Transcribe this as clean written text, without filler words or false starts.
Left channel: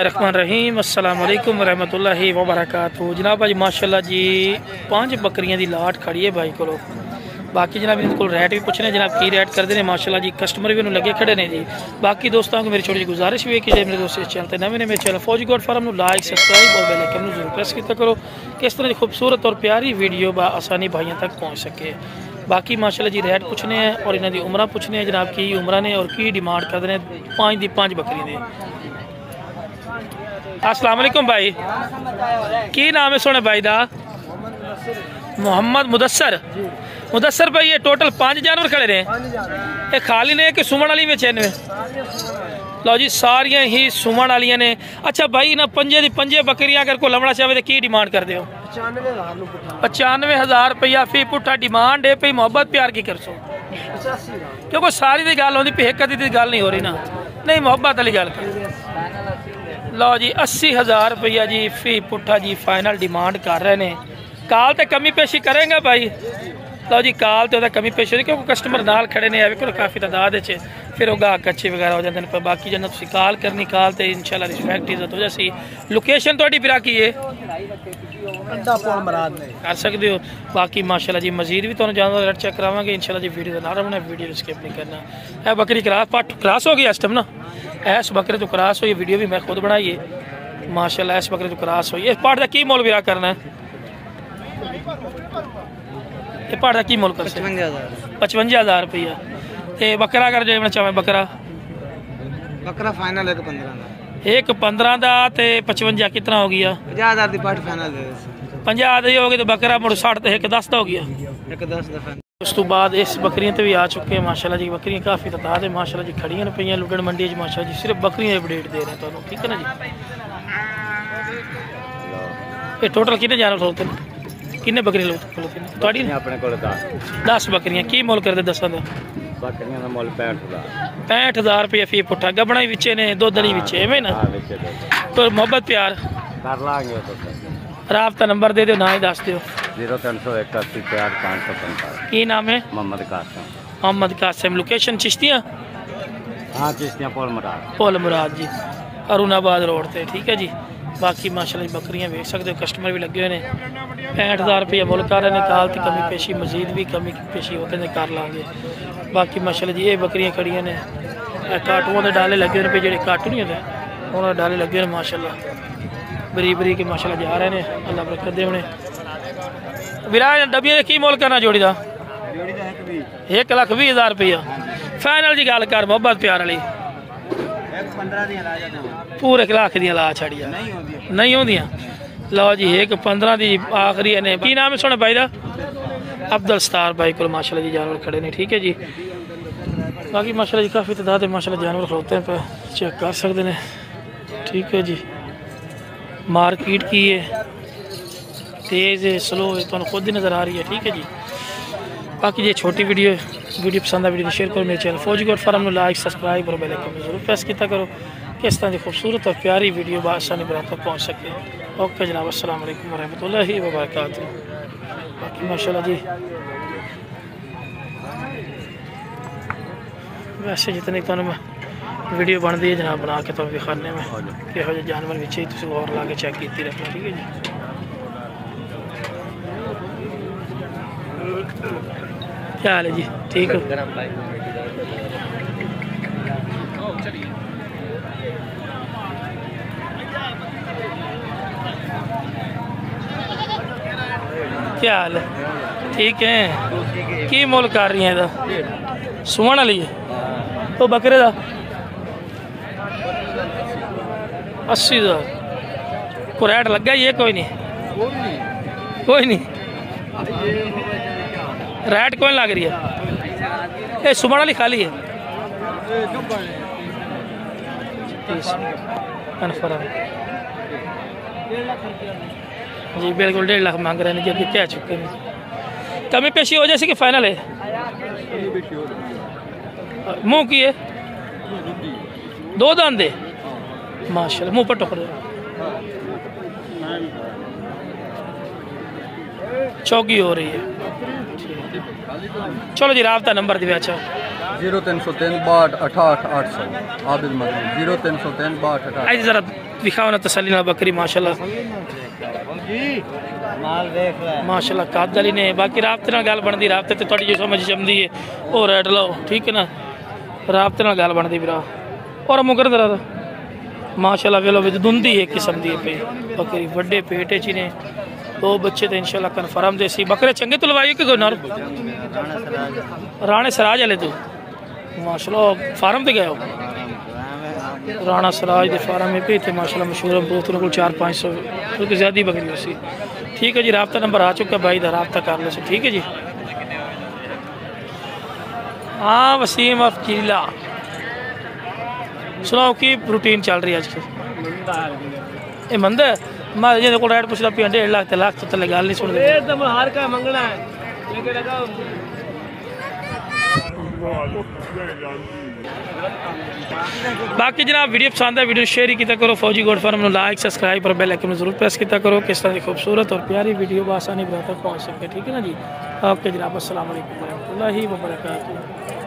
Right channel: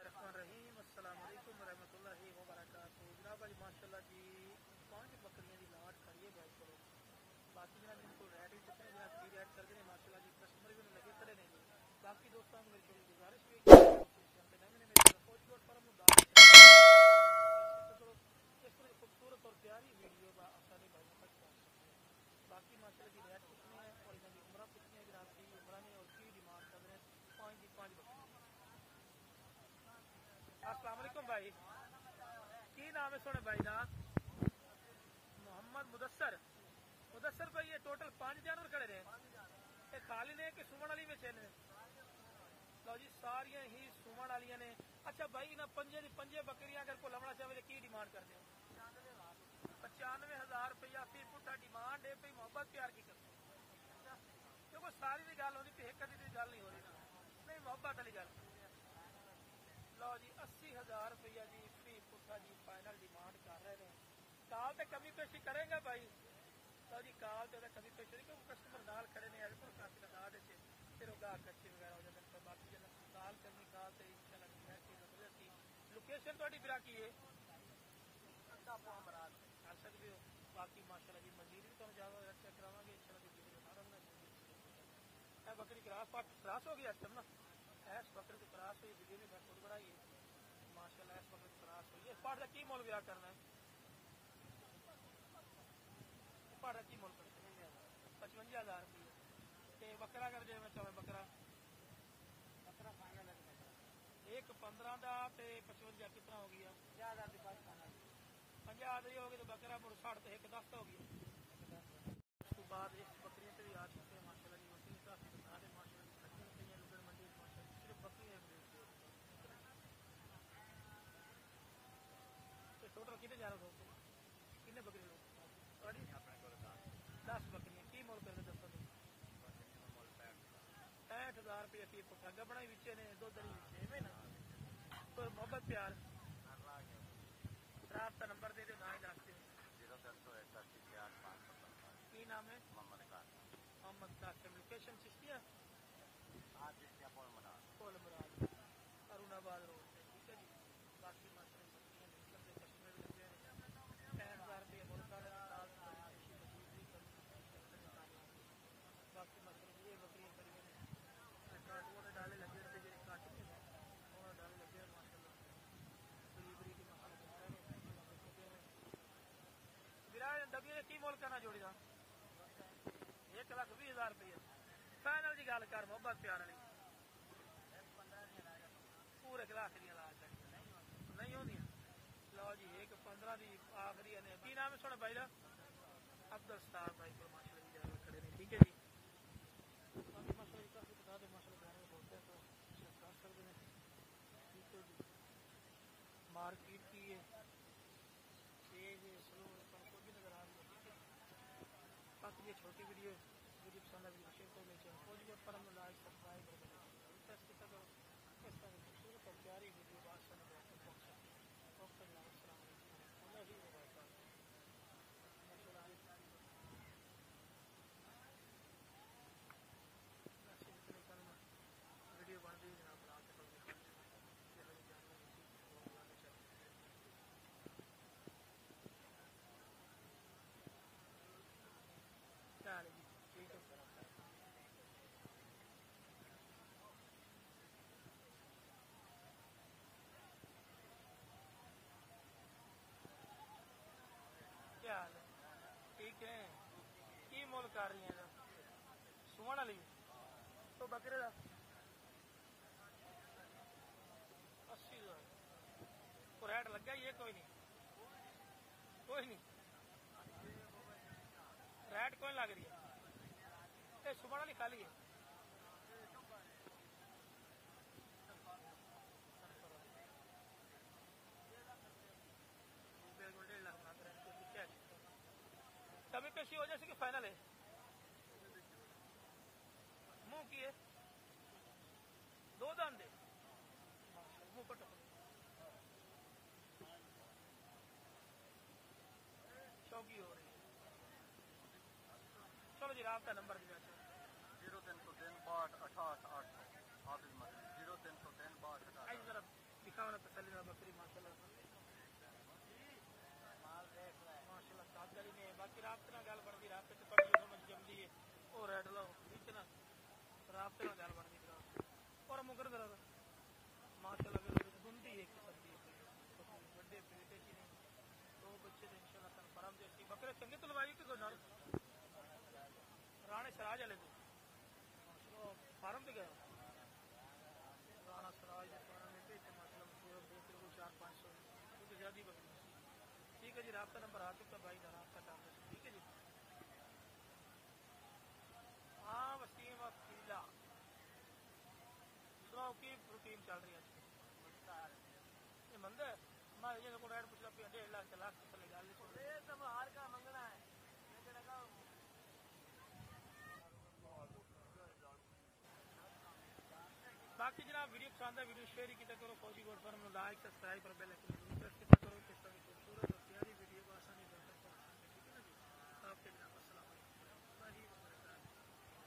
रहमान रहीम अस्सलाम वालेकुम रहमतुल्लाहि व बरकातहू। जनाब भाई माशाल्लाह जी 5 बकरियां दी लाट खड़ी है भाई को। बाकी जनाब इनको रेट भी पूछने जनाब की रेट करते हैं माशाल्लाह जी। कस्टमर भी उन्होंने लगे खड़े ने जी। बाकी दोस्तों को मेरी छोटी जी गुजारिश भी है कि मेरे दोस्त इस चैनल पर नवे ने मेरे चैनल फौजी गोट फार्म लाइक सब्सक्राइब और बेल आइकन जरूर प्रेस किया करो कि इस तरह की खूबसूरत और प्यारी वीडियो आसानी भाइयों तक पहुँच सके। बाकी माशाल्लाह जी रेट पूछने हैं और इन्हों की उम्र पूछने हैं जनाब की उम्र ने और की डिमांड करते हैं 5 दी 5 बकरी ने। अस्सलाम वालेकुम भाई, की नाम है सोने भाई दा? मोहम्मद मुदस्सर। मुदस्सर भाई ये टोटल 5 जानवर खड़े ने, ये खाली ने कि सुमन वाली में चैन में? लो जी सारियां ही सुमन वाली ने। अच्छा भाई ना 5 दी 5 बकरियां अगर को लमड़ा चाहे तो की डिमांड कर दो? 95,000 रुपया फी पुट्ठा डिमांड है। भाई मोहब्बत प्यार की कर सो क्योंकि सारी दी गल होंदी, एक दी गल नहीं हो रही ना, नहीं मोहब्बत वाली गल कर। लो जी 80,000 रुपया जी फी पुट्ठा जी फाइनल डिमांड कर रहे हैं। काल तो कमी पेशी करेंगे भाई? लो जी काल तो कमी पेशी होगी क्योंकि कस्टमर नाल खड़े ने काफ़ी तादाद फिर वो गाहक अच्छे वगैरह हो जाते हैं। पर बाकी जब तुम काल करनी काल तो इंशाल्लाह रिस्पैक्ट इज्जत हो जासी। लोकेशन थोड़ी फिर की है कर सकते हो। बाकी माशाल्लाह जी मजीद भी तुम जानवर रेट चेक करावांगे इंशाल्लाह जी। वीडियो का ना रखना, वीडियो स्किप नहीं करना। है बकरी क्रॉस हो गई इस टाइम ना, ऐस बकरे तो क्रॉस हुई, वीडियो भी मैं खुद बनाई है माशाल्लाह। ऐस बकरे तो क्रॉस हुई। इस पाठ का की मोल विरा करना है? ये पाठ का की मोल कर 55,000 रुपया। ते बकरा कर जो चाहे बकरा फाइनल 1.15 का 55 कितना हो गया? 50,000 की पाठ फाइनल दे 50 हो गई तो बकरा मुड़ 60 तो 1.10 का हो गया। 1.10 का फाइनल। उस तो बाद इस बकरियां तो भी आ चुके हैं माशाल्लाह जी। बकरियां काफ़ी तादाद है माशाल्लाह जी खड़ियां पे लुडन मंडी माशाल्लाह जी। सिर्फ बकरियां अपडेट दे रहे हैं तो ठीक है ना जी। ये टोटल कितने जानवर खलोते हैं, कितने बकरी खलोते हैं? थोड़ी अपने को 10 बकरियां की मोल करते 10 का? बकरियां का मोल 65,000 रुपया फी पुट्ठा। गबना विचे ने दुध दली विचे एवं ना। तो मोहब्बत प्यार कर लांगे तो राबता नंबर दे दो ना ही दस दो। 0381 की नाम है? मोहम्मद कासिम। मोहम्मद कासिम। लोकेशन चिश्तियाँ? हाँ चिश्तियाँ पोल मुराद जी अरुणाबाद रोड से ठीक है जी। बाकी माशाल्लाह बकरियां देख सकते हो कस्टमर भी लगे हुए हैं। 65,000 रुपया मुल कर रहे हैं। काल की कमी पेशी मजीद भी कमी पेशी होते हैं कर लाँगे। बाकी माशाल्लाह जी ये बकरियां खड़ियां ने काटुओं के डाले लगे हुए जो काटू नहीं होते उन्होंने डाले लगे हुए माशाल्लाह बरी बरी के माशाल्लाह जा रहे हैं। अल्लाह बरकत दे उन्हें। विराज डबिया की मोल करना जोड़ी का? 1,20,000 रुपया फाइनल जी गल कर मोहब्बत प्यार वाली। पूरे 1 लाख दी ला छड़िया नहीं होंदियां। लो जी 1.15 की आखिरी ने। की नाम है सोने भाई का? अब्दुल सतार भाई को माशाल्लाह जी जानवर खड़े ने ठीक है जी। बाकी माशाल्लाह जी काफ़ी तादाद है माशाल्लाह जानवर खड़ोते हैं पे चेक कर सकते हैं ठीक है जी। मार्केट की है तेज़ है स्लो है तो खुद ही नज़र आ रही है ठीक है जी। बाकी ये छोटी वीडियो पसंद है वीडियो शेयर करो। मेरे चैनल फौजी गोट फार्म में लाइक सब्सक्राइब और बेल आइकन जरूर प्रेस किया करो कि इस तरह की खूबसूरत और प्यारी वीडियो आसानी बराबर तक पहुँच सके। ओके जनाब अस्सलाम वालेकुम रहमतुल्लाहि व बरकातहू। बाकी माशाल्लाह जी वैसे जितनी तुम वीडियो बनती है जनाब बना के तुम दिखाने में किहो जे जानवर भी और ला के चेक की रखना ठीक है जी। क्या हाल है जी ठीक हो? क्या हाल है ठीक है? की मोल कर रही है सुमन वाली है तो बकरे का 80,000 को रेट लगा ही है? कोई नहीं रेट कौन लग रही है? ये सुमन वाली खाली है कन्फर्म जी बिल्कुल 1.5 लाख मांग रहे हैं जी। अभी क्या चुके हैं कमी पेशी हो जैसे कि फाइनल है? मुँह की है 2 दांत है माशाल्लाह मुँह पर टुकड़े चौकी हो रही है। चलो जी राबता नंबर दिया। अच्छा 0303 62 68 800 आबिद मदनी 0303 62 68। आज जरा दिखाओ ना तसल्ली ना बकरी माशाल्लाह माशाल्लाह कादली ने बाकी राबते नाल गल बनदी राबते ते तुहाडी जो समझ जमदी है ओ रेड लो ठीक है ना राबते नाल गल बनदी भरा और मुकर दरा माशाल्लाह वेलो विच दुंदी एक किस्म दी पे बकरी बड़े पेट च ने दो बच्चे तो इंशाल्लाह कन्फर्म देसी बकरे चंगे तो लवाइए कि कोई नर राणे सराज वाले तो माशाल्लाह फार्म पे गए हो राणा सराज के फार्म में पे थे माशाल्लाह मशहूर बहुत को 400-500 क्योंकि ज़्यादा बकरी उसी ठीक है जी राबता नंबर आ चुका भाई दा राबता कर लो ठीक है जी। हाँ वसीम अफकीला सुनाओ की रूटीन चल रही है अजकल ये मंद है मैं जिन्हें को रेट पुछदा पिया 1.5 लाख लाख तो तले गल नहीं सुन एकदम हार का मंगना है लेके लगा बाकी जनाब वीडियो पसंद है वीडियो शेयर किया करो फौजी गोड फार्म लाइक सब्सक्राइब और बेल आइकन जरूर प्रेस किया करो किस तरह की खूबसूरत और प्यारी वीडियो आसानी बराबर पहुंच सके ठीक है ना जी। ओके जनाब अस्सलाम वालेकुम रहमतुल्लाहि व बरकातहू।